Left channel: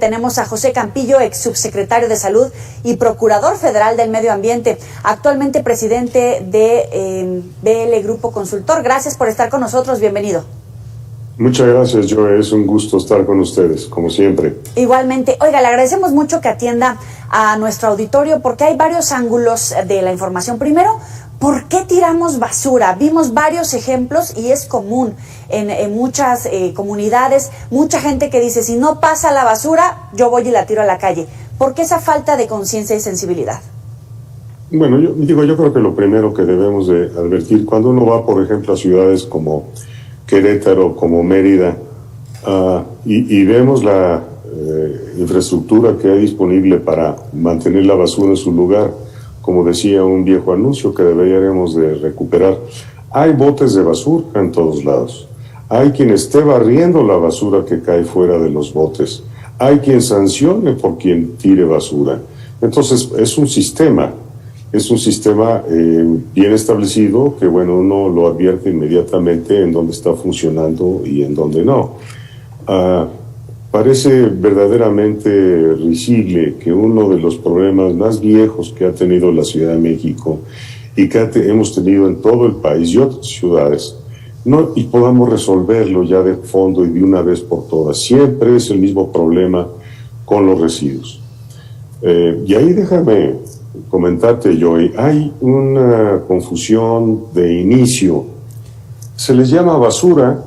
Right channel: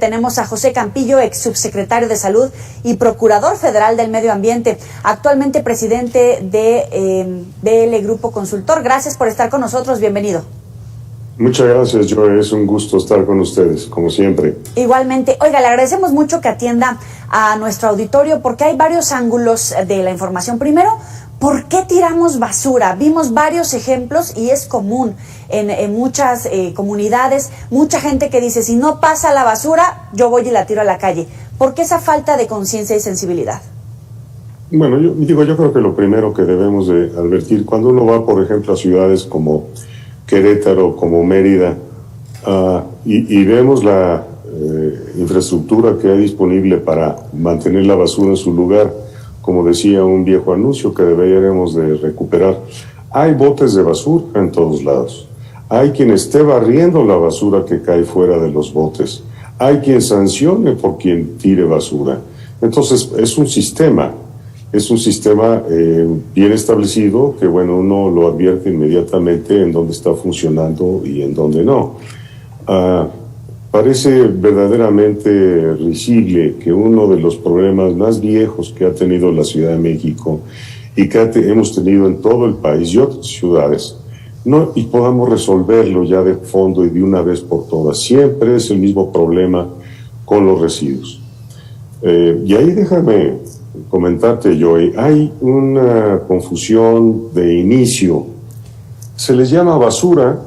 Tenemos a José Campillo, ex subsecretario de Salud y procurador federal del Medio Ambiente, actualmente presidente de BL Grupo Consultor. Gracias por estar con nosotros, bienvenido. Muchas gracias, Joe, es un gusto estar con ustedes, como siempre. Igualmente. Oiga, le agradecemos mucho que atienda a nuestro auditorio porque hay varios ángulos de la información. Primero, ¿por qué tiramos basura? Vimos varios ejemplos y es común en muchas comunidades, mucha gente que dice, si no pasa la basura, yo voy y la tiro a la calle. ¿Por qué esa falta de conciencia y sensibilidad? Bueno, yo creo que lo primero que debemos de advertir, cuando uno va, por ejemplo, a ciudades como Querétaro, como Mérida, y vemos la infraestructura que hay disponible para mantener la basura en su lugar, como decía un viejo anuncio que deberíamos de recuperar. Hay botes de basura en todos lados. Hay quien esté barriendo la basura que cae fuera de los botes. Hay quien sancione por quien tire basura. Entonces, es un sistema bien establecido que, bueno, uno lo advierte inmediatamente en dónde está funcionando y en dónde no. Parece verdaderamente risible que uno de los problemas más viejos que ha tenido la Ciudad de México y que hemos tenido en todo el país y otras ciudades, y podamos resolverlo ya de fondo y de una vez por todas. Siempre es el mismo problema con los residuos. Y ahí déjame comentarte, Joey, hay una confusión de inicio. Se le llama basura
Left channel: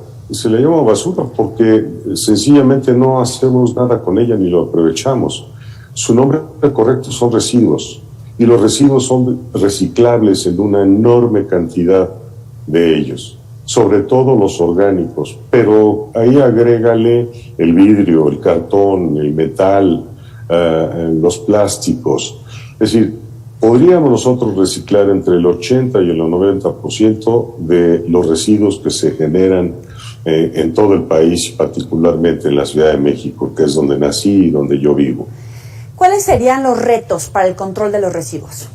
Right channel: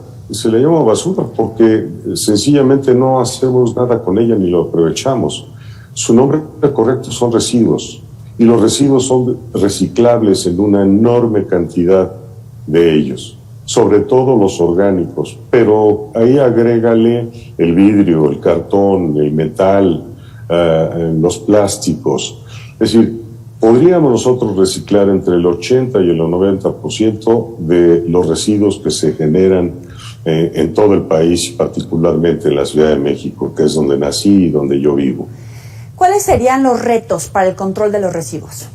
porque sencillamente no hacemos nada con ella ni lo aprovechamos. Su nombre correcto son residuos, y los residuos son reciclables en una enorme cantidad de ellos, sobre todo los orgánicos, pero ahí agrégale el vidrio, el cartón, el metal, los plásticos. Es decir, podríamos nosotros reciclar entre el 80 y el 90% de los residuos que se generan en todo el país, particularmente en la Ciudad de México, que es donde nací y donde yo vivo. ¿Cuáles serían los retos para el control de los residuos?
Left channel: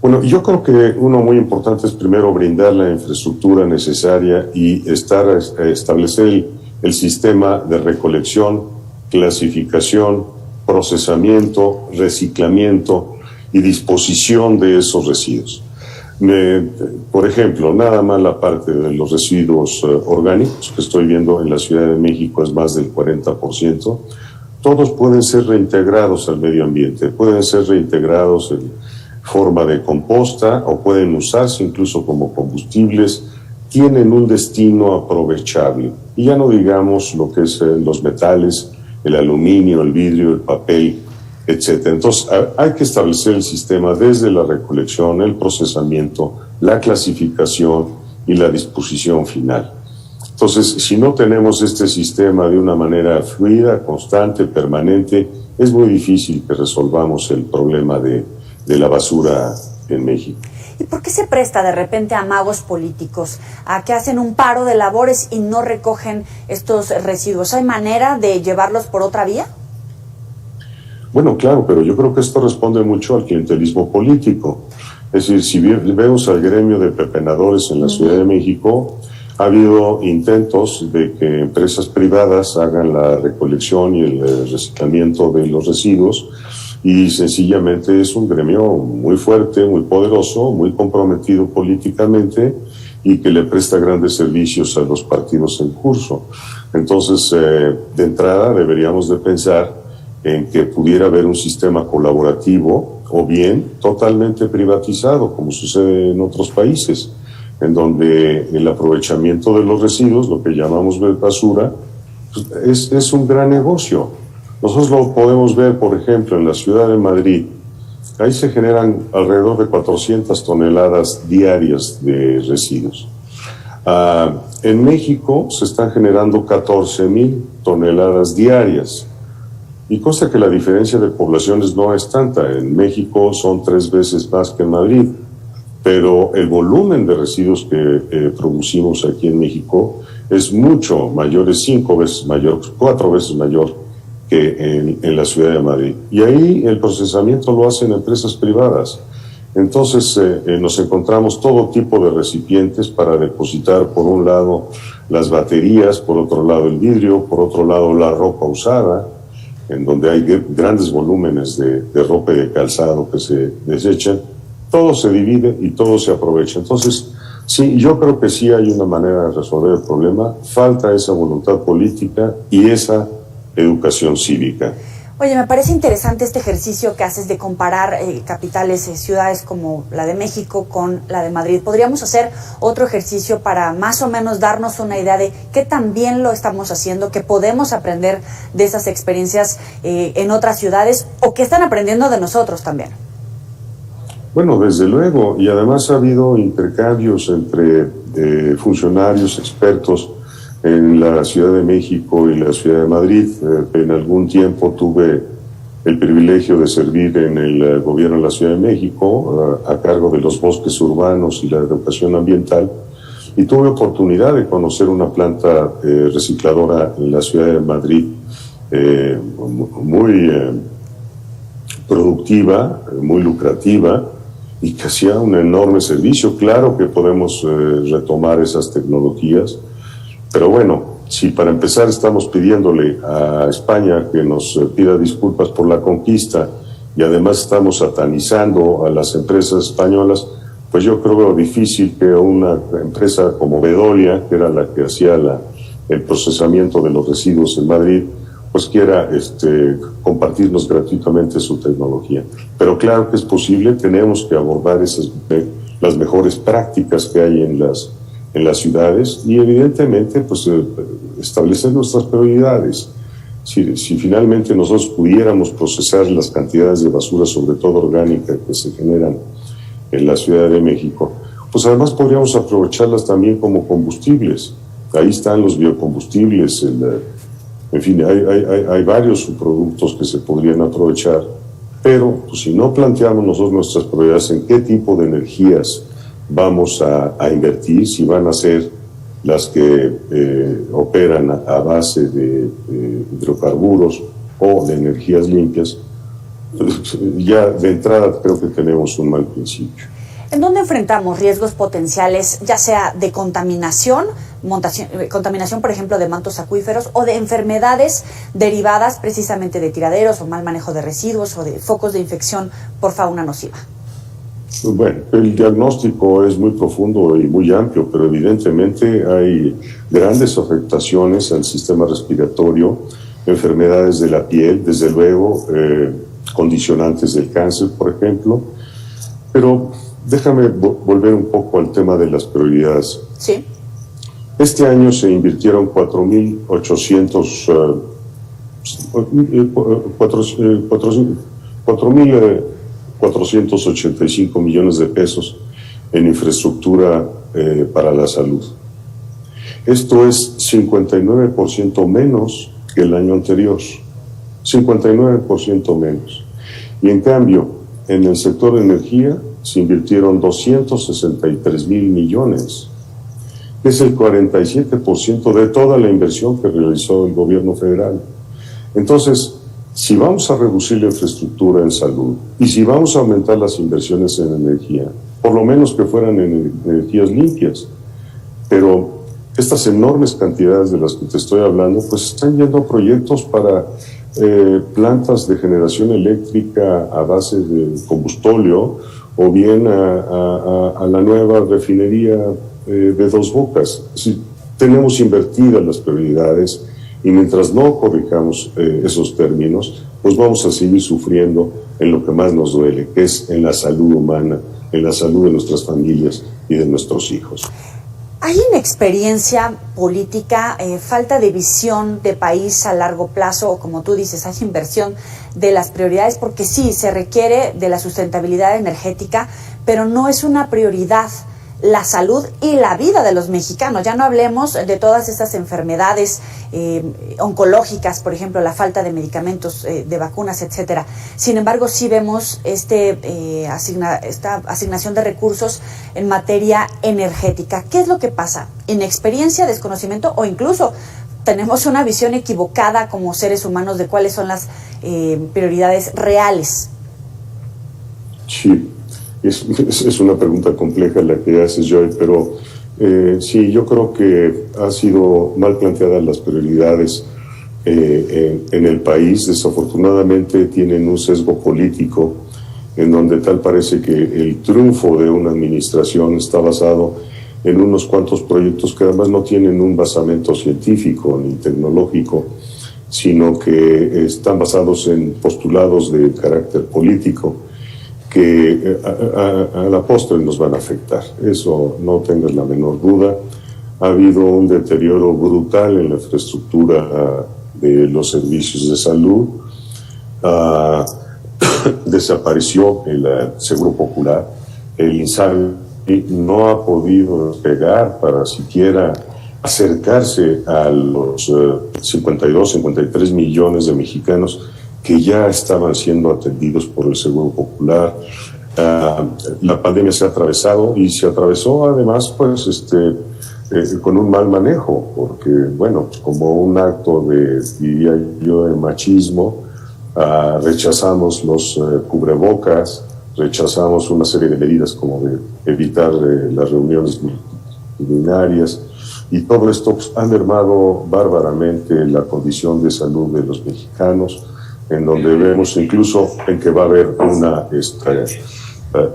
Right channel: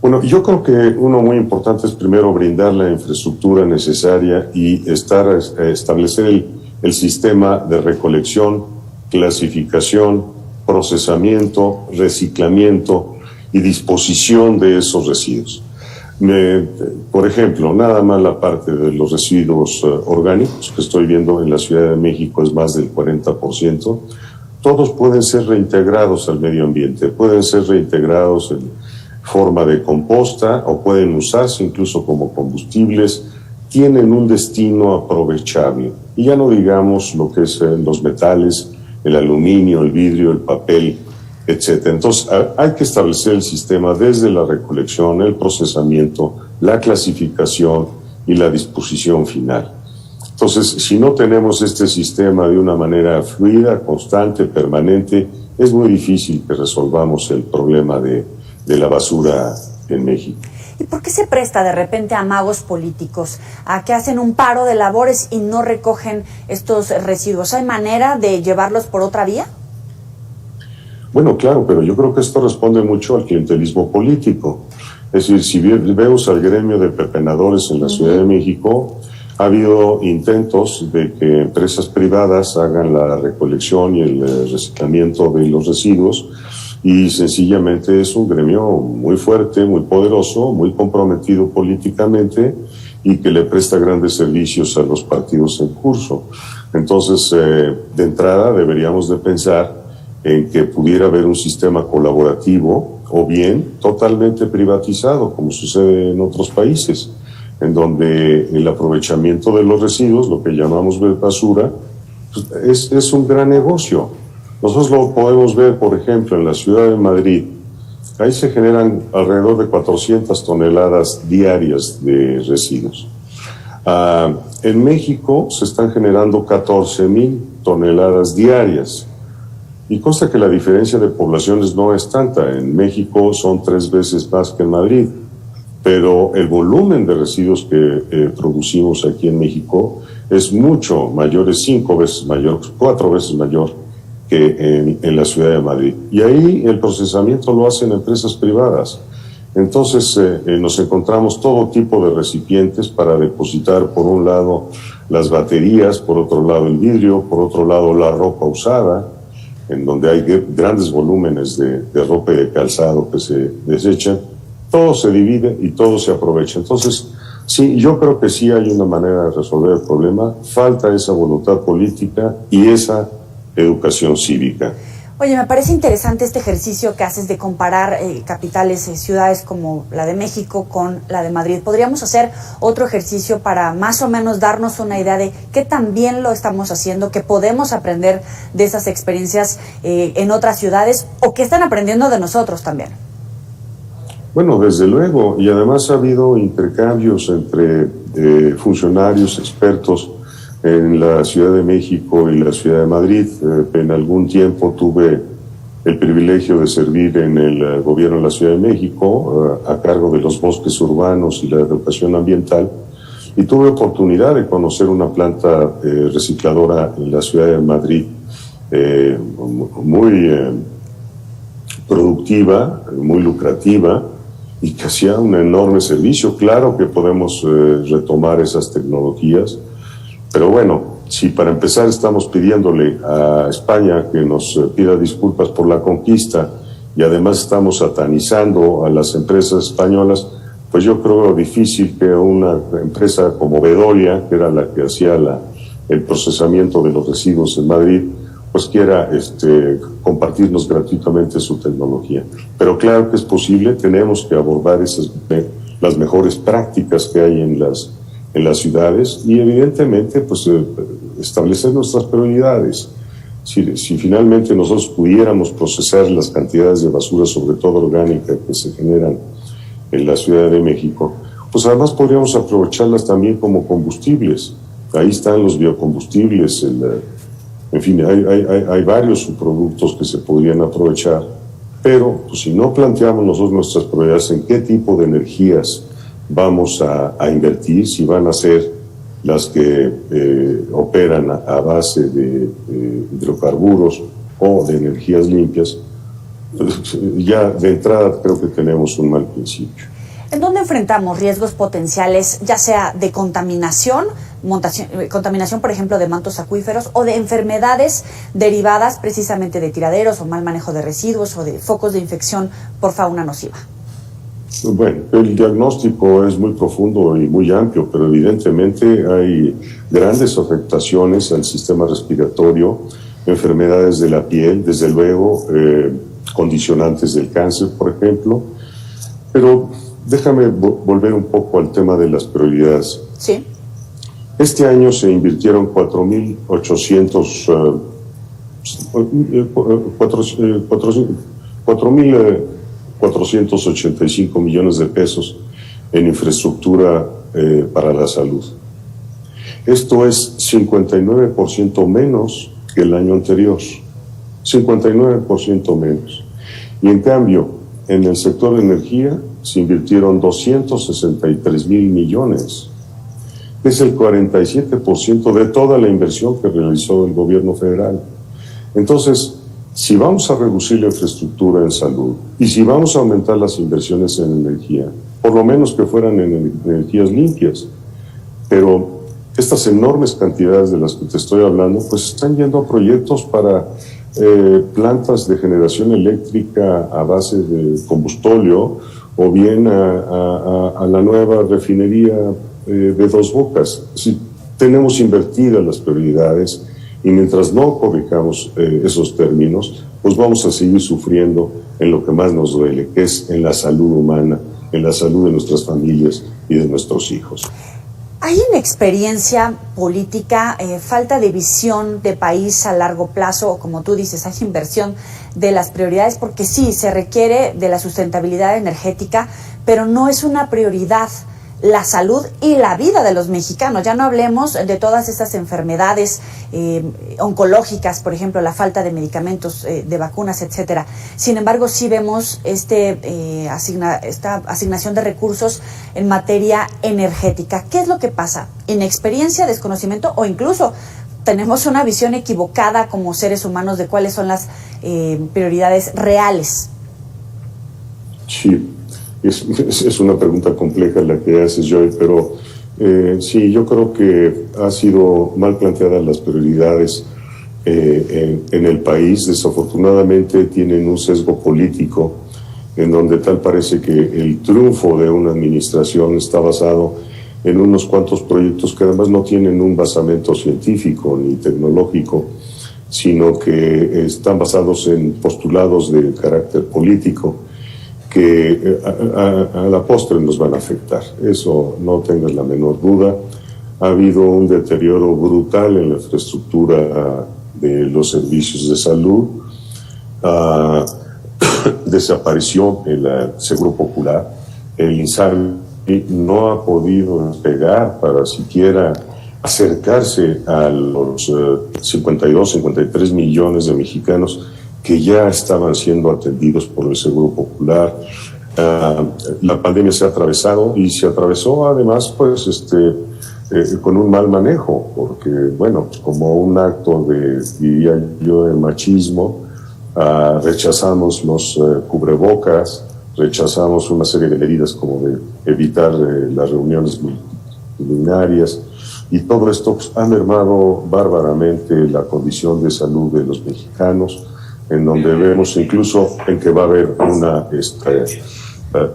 Bueno, yo creo que uno muy importante es primero brindar la infraestructura necesaria y establecer el sistema de recolección, clasificación, procesamiento, reciclamiento y disposición de esos residuos. Por ejemplo, nada más la parte de los residuos orgánicos que estoy viendo en la Ciudad de México es más del 40%. Todos pueden ser reintegrados al medio ambiente, pueden ser reintegrados en forma de composta o pueden usarse incluso como combustibles, tienen un destino aprovechable. Y ya no digamos lo que es los metales, el aluminio, el vidrio, el papel, etc. Entonces, hay que establecer el sistema desde la recolección, el procesamiento, la clasificación y la disposición final. Entonces, si no tenemos este sistema de una manera fluida, constante, permanente, es muy difícil que resolvamos el problema de la basura en México. ¿Y por qué se presta de repente a amagos políticos, a que hacen un paro de labores y no recogen estos residuos? ¿Hay manera de llevarlos por otra vía? Bueno, claro, pero yo creo que esto responde mucho al clientelismo político. Es decir, si vemos al gremio de pepenadores en la Ciudad de México, ha habido intentos de que empresas privadas hagan la recolección y el reciclamiento de los residuos, y sencillamente es un gremio muy fuerte, muy poderoso, muy comprometido políticamente y que le presta grandes servicios a los partidos en curso. Entonces, de entrada deberíamos de pensar en que pudiera haber un sistema colaborativo o bien totalmente privatizado, como sucede en otros países, en donde el aprovechamiento de los residuos, lo que llamamos basura, pues es un gran negocio. Nosotros lo podemos ver, por ejemplo, en la ciudad de Madrid. Ahí se generan alrededor de 400 toneladas diarias de residuos. En México se están generando 14,000 toneladas diarias. Y consta que la diferencia de poblaciones no es tanta. En México son 3 veces más que en Madrid. Pero el volumen de residuos que producimos aquí en México es mucho mayor, es 5 veces mayor, 4 veces mayor que en la ciudad de Madrid. Y ahí el procesamiento lo hacen empresas privadas. Entonces nos encontramos todo tipo de recipientes para depositar, por un lado, las baterías, por otro lado el vidrio, por otro lado la ropa usada, en donde hay grandes volúmenes de ropa y de calzado que se desechan, todo se divide y todo se aprovecha. Entonces, sí, yo creo que sí hay una manera de resolver el problema. Falta esa voluntad política y esa educación cívica. Oye, me parece interesante este ejercicio que haces de comparar capitales, ciudades como la de México con la de Madrid. ¿Podríamos hacer otro ejercicio para más o menos darnos una idea de qué tan bien lo estamos haciendo, qué podemos aprender de esas experiencias en otras ciudades o qué están aprendiendo de nosotros también? Bueno, desde luego, y además ha habido intercambios entre funcionarios, expertos en la Ciudad de México y la Ciudad de Madrid. En algún tiempo tuve el privilegio de servir en el gobierno de la Ciudad de México a cargo de los bosques urbanos y la educación ambiental, y tuve oportunidad de conocer una planta recicladora en la Ciudad de Madrid muy productiva, muy lucrativa, y que hacía un enorme servicio. Claro que podemos retomar esas tecnologías, pero bueno, si para empezar estamos pidiéndole a España que nos pida disculpas por la conquista y además estamos satanizando a las empresas españolas, pues yo creo difícil que una empresa como Veolia, que era la que hacía el procesamiento de los residuos en Madrid, pues quiera compartirnos gratuitamente su tecnología. Pero claro que es posible, tenemos que abordar las mejores prácticas que hay en las ciudades y evidentemente pues establecer nuestras prioridades. Si finalmente nosotros pudiéramos procesar las cantidades de basura, sobre todo orgánica, que se generan en la Ciudad de México, pues además podríamos aprovecharlas también como combustibles. Ahí están los biocombustibles, en fin, hay varios subproductos que se podrían aprovechar, pero pues, si no planteamos nosotros nuestras prioridades en qué tipo de energías vamos a invertir, si van a ser las que operan a base de hidrocarburos o de energías limpias, ya de entrada creo que tenemos un mal principio. ¿En dónde enfrentamos riesgos potenciales, ya sea de contaminación, por ejemplo, de mantos acuíferos, o de enfermedades derivadas precisamente de tiraderos o mal manejo de residuos o de focos de infección por fauna nociva? Bueno, el diagnóstico es muy profundo y muy amplio, pero evidentemente hay grandes afectaciones al sistema respiratorio, enfermedades de la piel, desde luego, condicionantes del cáncer, por ejemplo. Pero déjame volver un poco al tema de las prioridades. Sí. Este año se invirtieron 4.485 millones de pesos en infraestructura para la salud. Esto es 59% menos que el año anterior. 59% menos. Y en cambio, en el sector de energía se invirtieron 263,000 millones. Es el 47% de toda la inversión que realizó el gobierno federal. Entonces, si vamos a reducir la infraestructura en salud y si vamos a aumentar las inversiones en energía, por lo menos que fueran en energías limpias, pero estas enormes cantidades de las que te estoy hablando, pues están yendo a proyectos para plantas de generación eléctrica a base de combustóleo o bien a la nueva refinería de Dos Bocas. Si tenemos invertidas las prioridades y mientras no corrijamos esos términos, pues vamos a seguir sufriendo en lo que más nos duele, que es en la salud humana, en la salud de nuestras familias y de nuestros hijos. ¿Hay inexperiencia política, falta de visión de país a largo plazo, o como tú dices, hay inversión de las prioridades? Porque sí, se requiere de la sustentabilidad energética, pero no es una prioridad la salud y la vida de los mexicanos. Ya no hablemos de todas estas enfermedades oncológicas, por ejemplo, la falta de medicamentos, de vacunas, etcétera. Sin embargo, sí vemos esta asignación de recursos en materia energética. ¿Qué es lo que pasa? ¿Inexperiencia, desconocimiento o incluso tenemos una visión equivocada como seres humanos de cuáles son las prioridades reales? Sí. Es una pregunta compleja la que haces, Joy, pero sí, yo creo que ha sido mal planteadas las prioridades en el país, desafortunadamente, tienen un sesgo político en donde tal parece que el triunfo de una administración está basado en unos cuantos proyectos que además no tienen un basamento científico ni tecnológico, sino que están basados en postulados de carácter político que a la postre nos van a afectar. Eso no tengas la menor duda. Ha habido un deterioro brutal en la infraestructura de los servicios de salud. Desapareció el Seguro Popular. El INSABI no ha podido despegar para siquiera acercarse a los 52, 53 millones de mexicanos que ya estaban siendo atendidos por el Seguro Popular. La pandemia se ha atravesado y se atravesó además pues con un mal manejo, porque bueno, como un acto de, diría yo, de machismo, rechazamos los cubrebocas, rechazamos una serie de medidas como de evitar las reuniones multitudinarias, y todo esto pues, ha mermado bárbaramente la condición de salud de los mexicanos, en donde vemos incluso en que va a haber una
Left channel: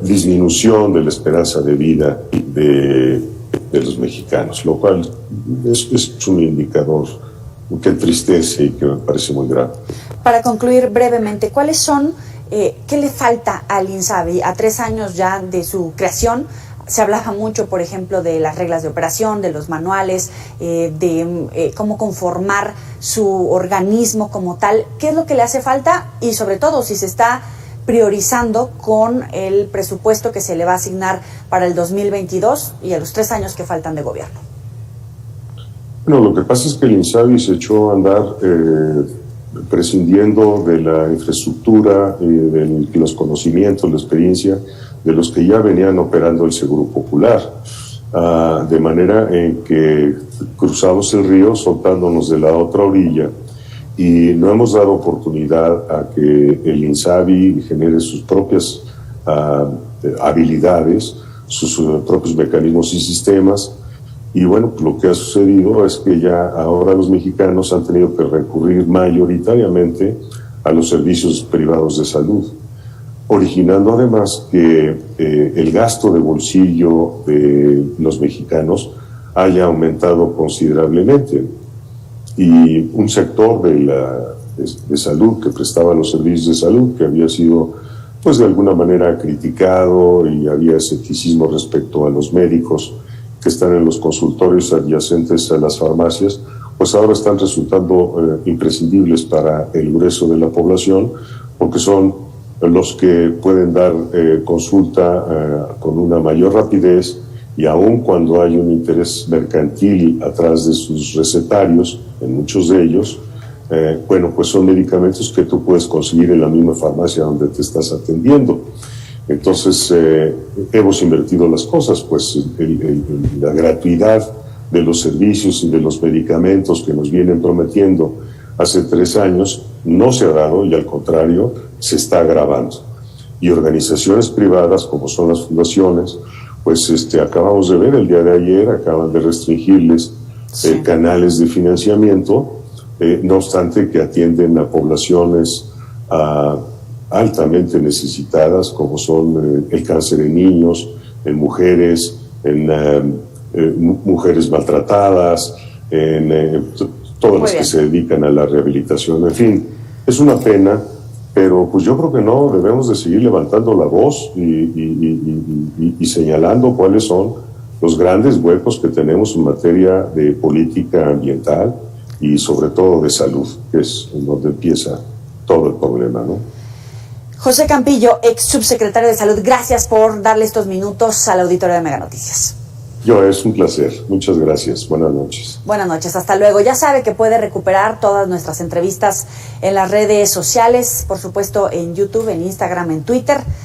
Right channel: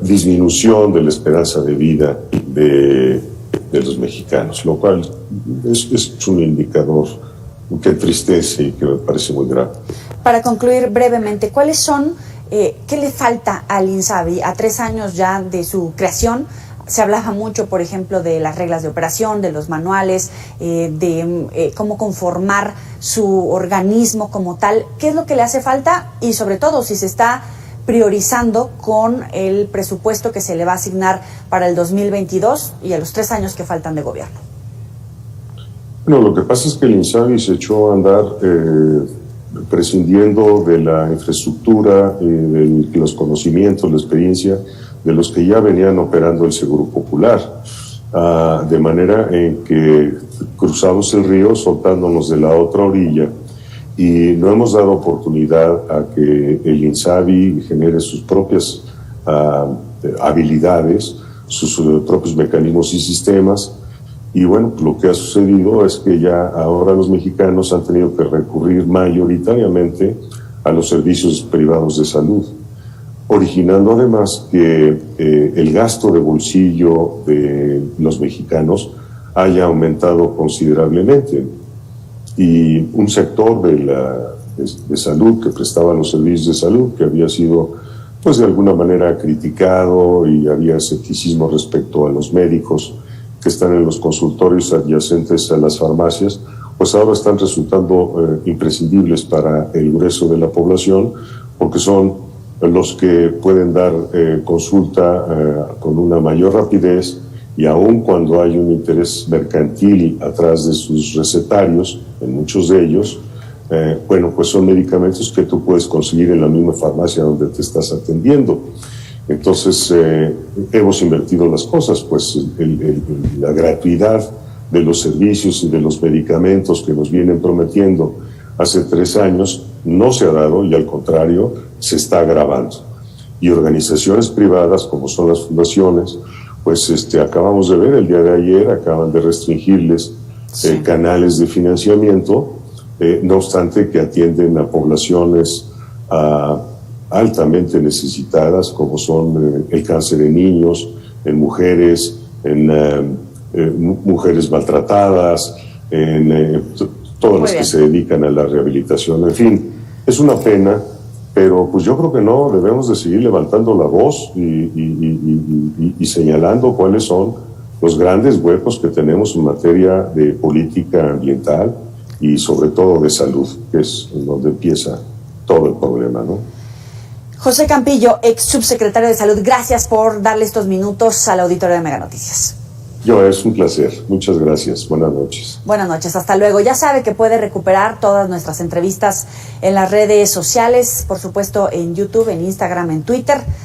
disminución de la esperanza de vida de los mexicanos, lo cual es un indicador que entristece y que me parece muy grave. Para concluir brevemente, ¿cuáles son, qué le falta al INSABI a 3 años ya de su creación? Se hablaba mucho, por ejemplo, de las reglas de operación, de los manuales, de cómo conformar su organismo como tal. ¿Qué es lo que le hace falta? Y sobre todo, si se está priorizando con el presupuesto que se le va a asignar para el 2022 y a los 3 años que faltan de gobierno. Bueno, lo que pasa es que el INSABI se echó a andar prescindiendo de la infraestructura, de los conocimientos, la experiencia de los que ya venían operando el Seguro Popular, de manera en que cruzamos el río soltándonos de la otra orilla y no hemos dado oportunidad a que el INSABI genere sus propias habilidades, sus propios mecanismos y sistemas. Y bueno, lo que ha sucedido es que ya ahora los mexicanos han tenido que recurrir mayoritariamente a los servicios privados de salud, originando además que el gasto de bolsillo de los mexicanos haya aumentado considerablemente. Y un sector de salud que prestaba los servicios de salud, que había sido pues de alguna manera criticado y había escepticismo respecto a los médicos que están en los consultorios adyacentes a las farmacias, pues ahora están resultando imprescindibles para el grueso de la población, porque son los que pueden dar consulta con una mayor rapidez, y aun cuando hay un interés mercantil atrás de sus recetarios, en muchos de ellos, bueno, pues son medicamentos que tú puedes conseguir en la misma farmacia donde te estás atendiendo. Entonces, hemos invertido las cosas, pues la gratuidad de los servicios y de los medicamentos que nos vienen prometiendo hace 3 años no se ha dado, y al contrario, se está agravando. Y organizaciones privadas, como son las fundaciones, pues acabamos de ver el día de ayer, acaban de restringirles canales de financiamiento, no obstante que atienden a poblaciones altamente necesitadas, como son el cáncer en niños, en mujeres, en mujeres maltratadas, en todas las que se dedican a la rehabilitación. En fin, es una pena, pero pues yo creo que no, debemos de seguir levantando la voz y señalando cuáles son los grandes huecos que tenemos en materia de política ambiental y sobre todo de salud, que es en donde empieza todo el problema, ¿no? José Campillo, ex subsecretario de Salud, gracias por darle estos minutos al auditorio de Mega Noticias. Es un placer. Muchas gracias. Buenas noches. Buenas noches. Hasta luego. Ya sabe que puede recuperar todas nuestras entrevistas en las redes sociales, por supuesto en YouTube, en Instagram, en Twitter.